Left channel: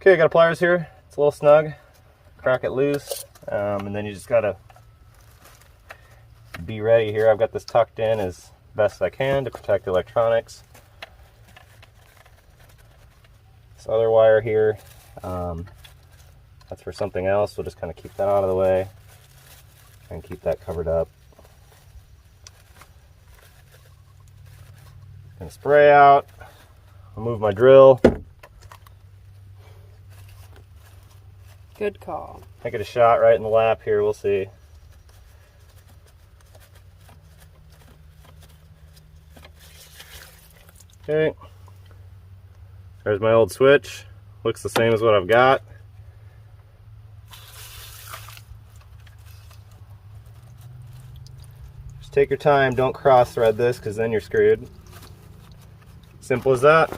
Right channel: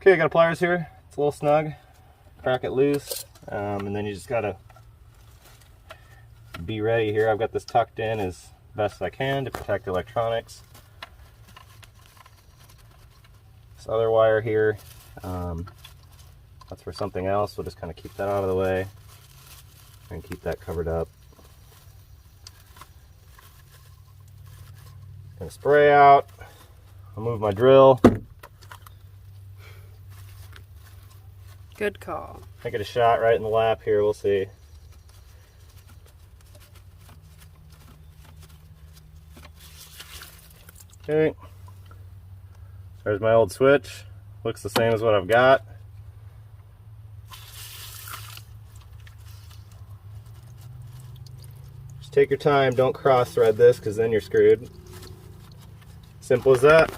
Okay, I got a pliers here. It's a little snug. Crack it loose, and then you just gotta be ready here. I've got this tucked in as best I can to protect the electronics. This other wire here, that's for something else. We'll just kind of keep that out of the way and keep that covered up. Gonna spray out. I'll move my drill. Good call. I get a shot right in the lap here, we'll see. Okay. There's my old switch. Looks the same as what I've got. Just take your time, don't cross thread this because then you're screwed. Simple as that.